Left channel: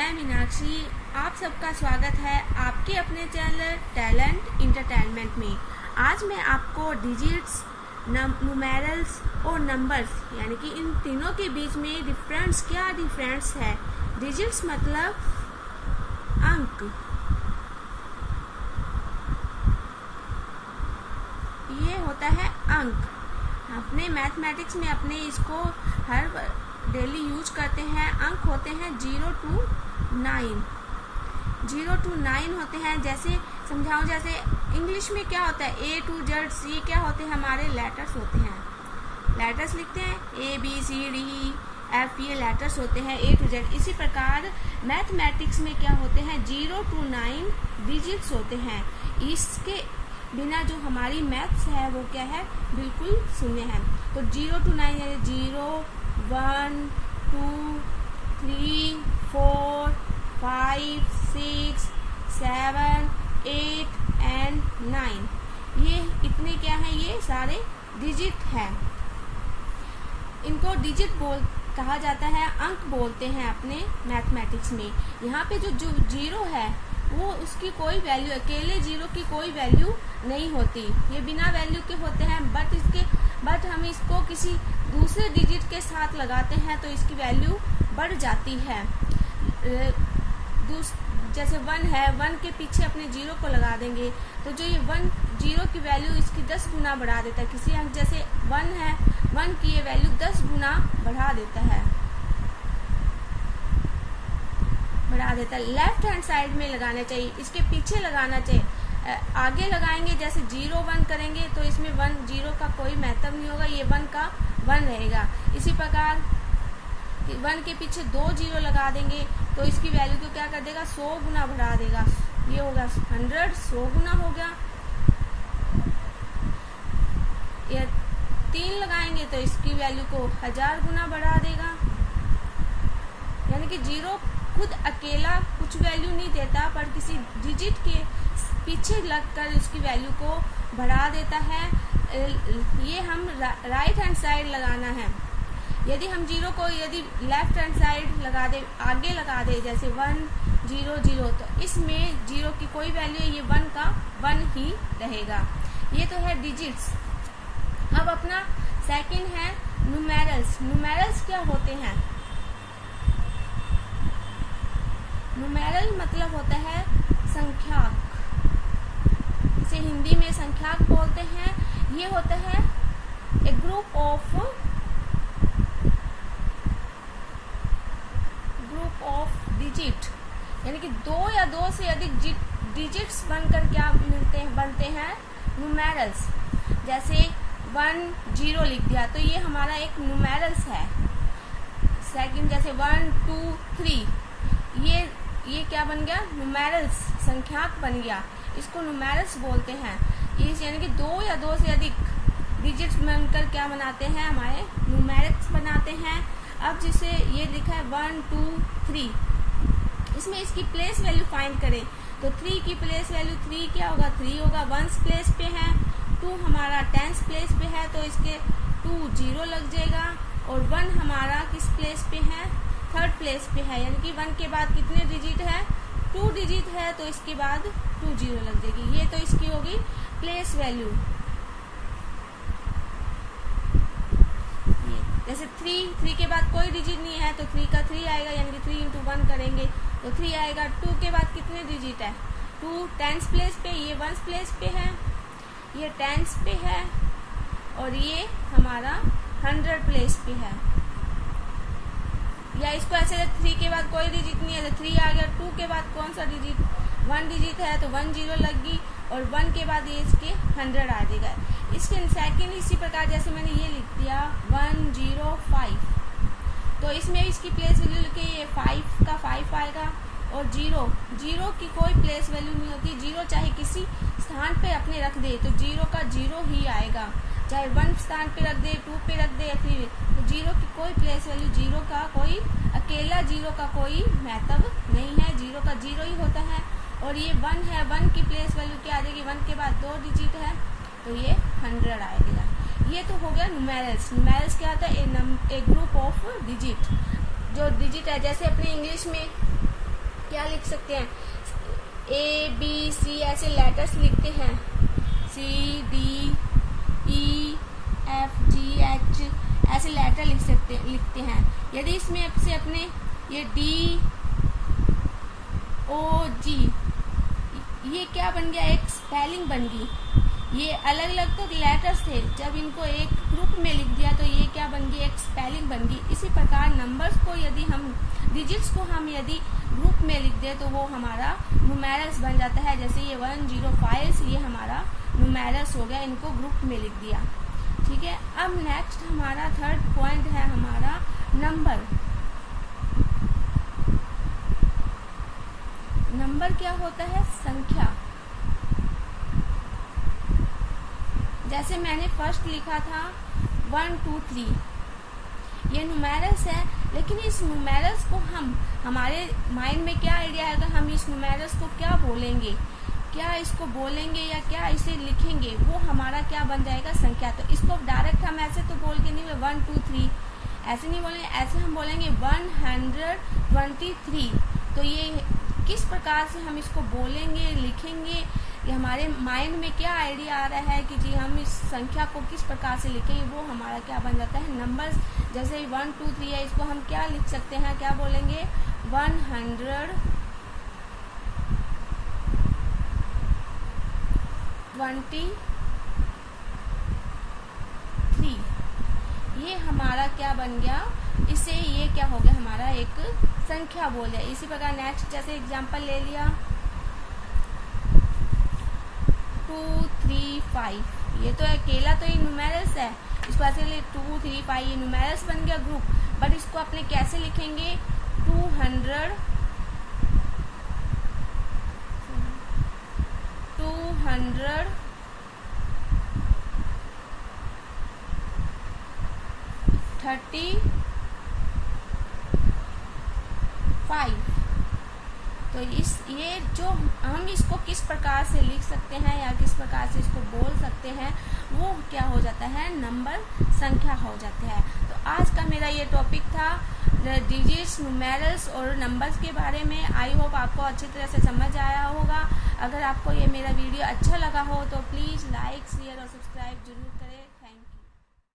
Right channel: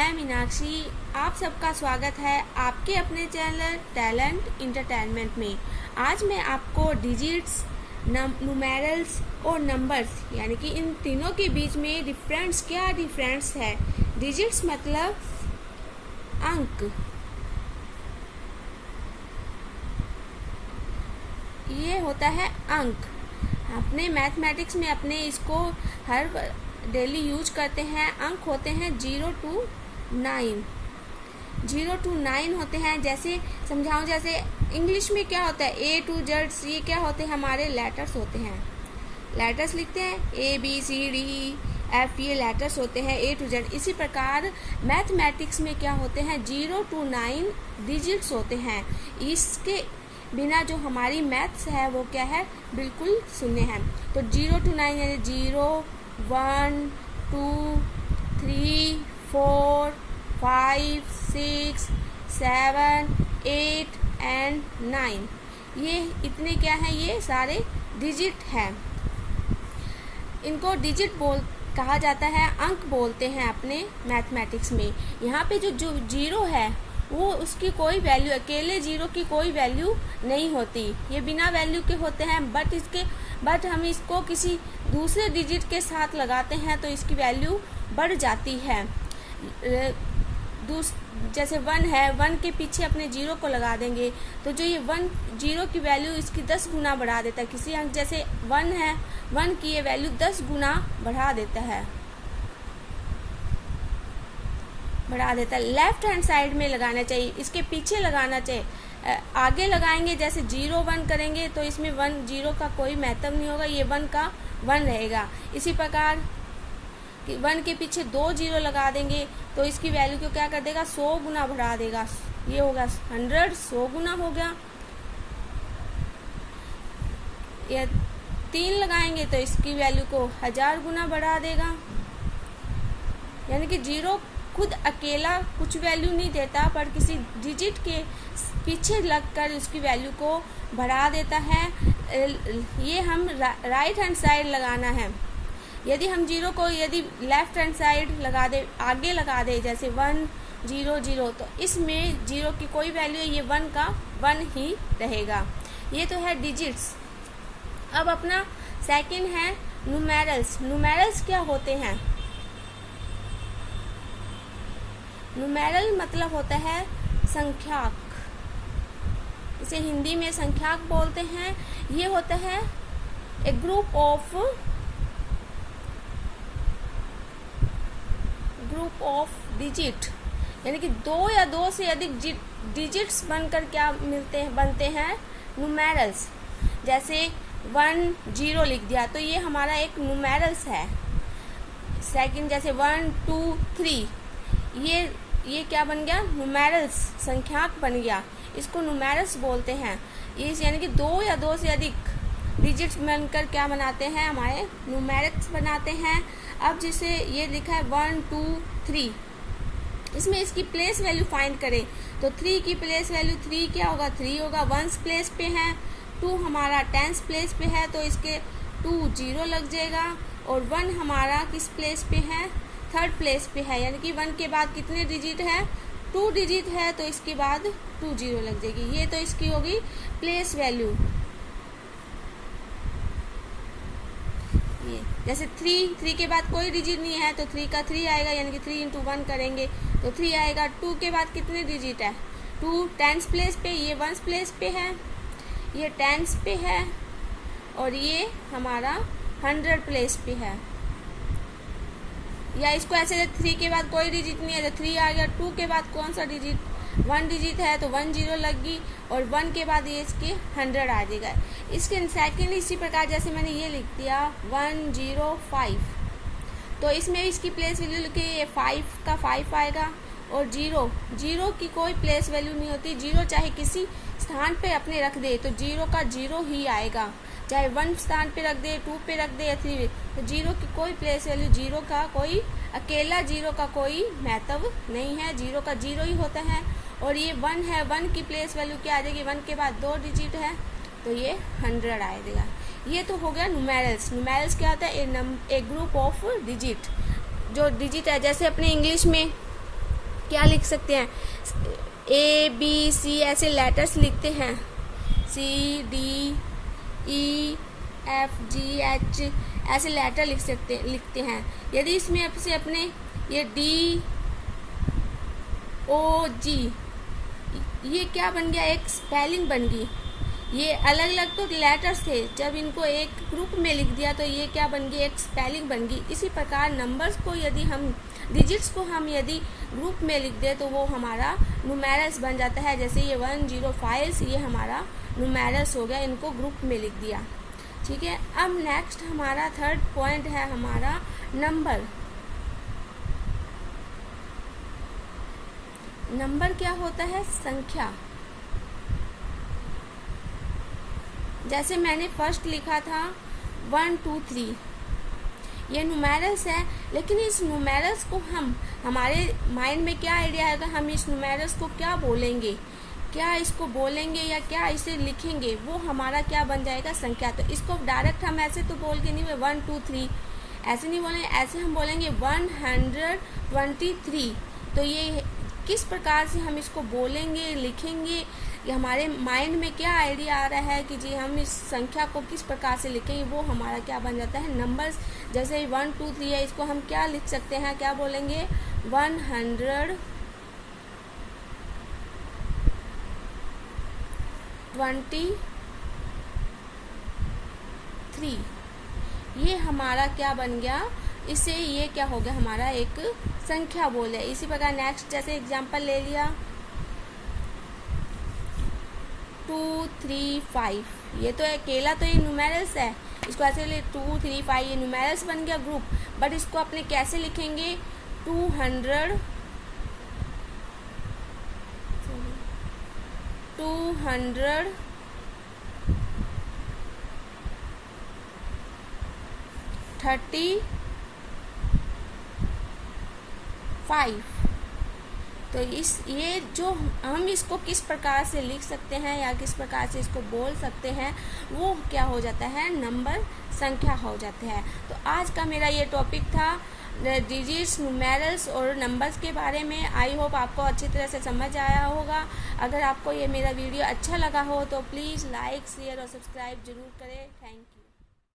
मैं मीनाक्षी, आप सबका स्वागत है आपके अपने चैनल टैलेंट इंटरटेनमेंट में। आज मैं आपको डिजिट्स, न्यूमेरल्स और नंबर्स यानी कि इन तीनों के बीच में क्या डिफरेंस है। डिजिट्स मतलब अंक, ये होता है अंक। अपने मैथमेटिक्स में अपने इसको हर डेली यूज करते हैं। अंक होते हैं 0 to 9। 0 to 9 होते हैं। जैसे समझाऊं, जैसे इंग्लिश में क्या होता है, A to Z, ये क्या होते हैं, हमारे लेटर्स होते हैं। लेटर्स लिखते हैं ABCDEF, ये लेटर्स होते हैं A to Z। इसी प्रकार मैथमेटिक्स में क्या होते हैं, 0 to 9 डिजिट्स होते हैं। इसके बिना जो हमारी मैथ्स है वो क्या है, बिल्कुल शून्य है। तो 0 to 9 यानी 0, 1, 2, 3, 4, 5, 6, 7, 8 एंड 9। ये इतने क्या हैं, ये सारे डिजिट हैं। इनको डिजिट कहा जाता है, अंक बोलते हैं अपने मैथमेटिक्स में। यहाँ पे जो जीरो है वो उसकी कोई वैल्यू, अकेले जीरो की कोई वैल्यू नहीं होती, ये बिना वैल्यू के होते हैं। बट हम इसको किसी दूसरे डिजिट के साथ लगाते हैं तो इसकी वैल्यू बढ़ जाती है। जैसे 1 है, 1 के पीछे अपने जीरो को लगा देंगे तो जो ये 1 जीरो की वैल्यू इसकी 10 गुना बढ़ा देता है। किसी अंक जैसे 1 है, 1 की ये वैल्यू 10 गुना बढ़ा देता है। लेफ्ट हैंड साइड में लगाना चाहिए, इसके पीछे लगाना चाहिए। आगे लगाएंगे, जैसे 0, 1 करेंगे तो इसमें 1 0 का कोई महत्व नहीं होगा, ये 1 का 1 रहेगा। इसी प्रकार 1 के पीछे 2 जीरो लगा देंगे तो इसकी वैल्यू को क्या कर देगा, 100 गुना बढ़ा देगा। ये होगा 100, 100 गुना हो गया। या 3 लगाएंगे तो इसकी वैल्यू को 1000 गुना बढ़ा देगा। यानी कि जीरो खुद अकेला कुछ वैल्यू नहीं देता, पर किसी डिजिट के पीछे लगकर उसकी वैल्यू को बढ़ा देता है। ये हम राइट हैंड साइड लगाना है। यदि हम जीरो को यदि लेफ्ट हैंड साइड लगा दे, आगे लगा दे, जैसे 1 0 0, तो इसमें जीरो की कोई वैल्यू, ये 1 का 1 ही रहेगा। ये तो है डिजिट्स। अब अपना सेकंड है न्यूमेरल्स। न्यूमेरल्स क्या होते हैं? न्यूमेरल मतलब होता है संख्याक, इसे हिंदी में संख्याक बोलते हैं। ये होता है ए ग्रुप ऑफ डिजिट, यानी कि 2 या 2 से अधिक डिजिट्स बनकर क्या बनते हैं, न्यूमेरल्स। जैसे 1 0 लिख दिया तो ये हमारा एक न्यूमेरल्स है। सेकंड जैसे 1 2 3, ये क्या बन गया, न्यूमेरल्स, संख्याक बन गया। इसको न्यूमेरल्स बोलते हैं। इस यानी कि 2 या 2 से अधिक डिजिट्स बनकर क्या बनाते हैं, हमारे न्यूमेरल्स बनाते हैं। अब जिसे ये लिखा है 1 2 3, इसमें इसकी प्लेस वैल्यू फाइंड करें तो 3 की प्लेस वैल्यू 3 क्या होगा, 3 होगा। 1 प्लेस पे है, 2 हमारा 10 प्लेस पे है तो इसके 2 0 लग जाएगा। और 1 हमारा किस प्लेस पे है, 3rd प्लेस पे है। यानी कि 1 के बाद कितने डिजिट है, 2 डिजिट है तो इसके बाद 2 0 लग जाएगी। ये तो इसकी होगी प्लेस वैल्यू। ये जैसे 3 के बाद कोई डिजिट नहीं है तो 3 का 3 आएगा, यानी कि 3 × 1 करेंगे तो 3 आएगा। 2 के बाद कितने डिजिट है, 2 10 प्लेस पे, ये 1 प्लेस पे है, ये 10 पे है, और ये हमारा 100 प्लेस पे है। या इसको ऐसे 3 के बाद कोई डिजिट नहीं है तो 3 आ गया। 2 के बाद कौन सा डिजिट, 1 डिजिट है तो 1 0 लग गई, और 1 के बाद ये इसके 100 आ जाएगा। इसके सेकंड इसी प्रकार जैसे मैंने ये लिख दिया 1 0 5, तो इसमें इसकी प्लेस वैल्यू लिखे, ये 5 का 5 आएगा। और 0 की कोई प्लेस वैल्यू नहीं होती। 0 चाहे किसी स्थान पे अपने रख दे तो 0 का 0 ही आएगा, चाहे 1 स्थान पे रख दे, 2 पे रख दे या 3, तो 0 की कोई प्लेस वैल्यू, 0 का कोई अकेला 0 का कोई महत्व नहीं है, 0 का 0 ही होता है। और ये 1 है, 1 की प्लेस वैल्यू क्या आ जाएगी, 1 के बाद 2 डिजिट है तो ये 100 आएगा। ये तो हो गया न्यूमेरल्स। न्यूमेरल्स क्या होता है, ए ग्रुप ऑफ डिजिट, जो डिजिट है। जैसे अपने इंग्लिश में क्या लिख सकते हैं, ABC ऐसे लेटर्स लिखते हैं, CDEFGH ऐसे लेटर लिखते हैं। यदि इसमें आपसे अपने ये DOG ये क्या बन गया, एक स्पेलिंग बन गई। ये अलग अलग तो लेटर्स थे, जब इनको एक ग्रुप में लिख दिया तो ये क्या बन गई, एक स्पेलिंग बन गई। इसी प्रकार नंबर्स को यदि हम डिजिट्स को हम यदि ग्रुप में लिख दें तो वो हमारा न्यूमेरल्स बन जाता है। जैसे ये 105 ये हमारा न्यूमेरल्स हो गया, इनको ग्रुप में लिख दिया। ठीक है, अब नेक्स्ट हमारा थर्ड पॉइंट है हमारा नंबर। नंबर क्या होता है, संख्या। जैसे मैंने फर्स्ट लिखा था 1 2 3, ये न्यूमेरल्स है, लेकिन इस न्यूमेरल्स को हम हमारे माइंड में क्या आइडिया आएगा, हम इस न्यूमेरल्स को क्या बोलेंगे, क्या इसको बोलेंगे या क्या इसे लिखेंगे, वो हमारा क्या बन जाएगा, संख्या। तो इसको डायरेक्ट हम ऐसे तो बोल के नहीं 1 2 3 ऐसे नहीं बोलेंगे, ऐसे हम बोलेंगे 123। तो ये किस प्रकार से हम इसको बोलेंगे, लिखेंगे, ये हमारे माइंड में क्या आइडिया आ रहा है कि जी हम इस संख्या को किस प्रकार से लिखेंगे, वो हमारा क्या बन जाता है, नंबर्स। जैसे 1 2 3 है, इसको हम क्या लिख सकते हैं, क्या बोलेंगे 123। ये हमारा क्या बन गया, इससे ये क्या हो गया, हमारा एक संख्या बोल है। इसी प्रकार नेक्स्ट जैसे एग्जांपल ले लिया 2 3 5, ये तो अकेला तो ये न्यूमेरल्स है, इसको ऐसे ले 2 3 5 ये न्यूमेरल्स बन गया ग्रुप। बट इसको अपने कैसे लिखेंगे 230 5। तो ये जो हम इसको किस प्रकार से लिख सकते हैं या किस प्रकार से इसको बोल सकते हैं, वो क्या हो जाता है, नंबर, संख्या हो जाता है। तो आज का मेरा ये टॉपिक था डिजिट्स, न्यूमेरल्स और नंबर्स के बारे में। आई होप आपको अच्छी तरह से समझ आया होगा। अगर आपको ये मेरा वीडियो अच्छा लगा हो तो प्लीज़ लाइक, शेयर और सब्सक्राइब जरूर करें। Thank you.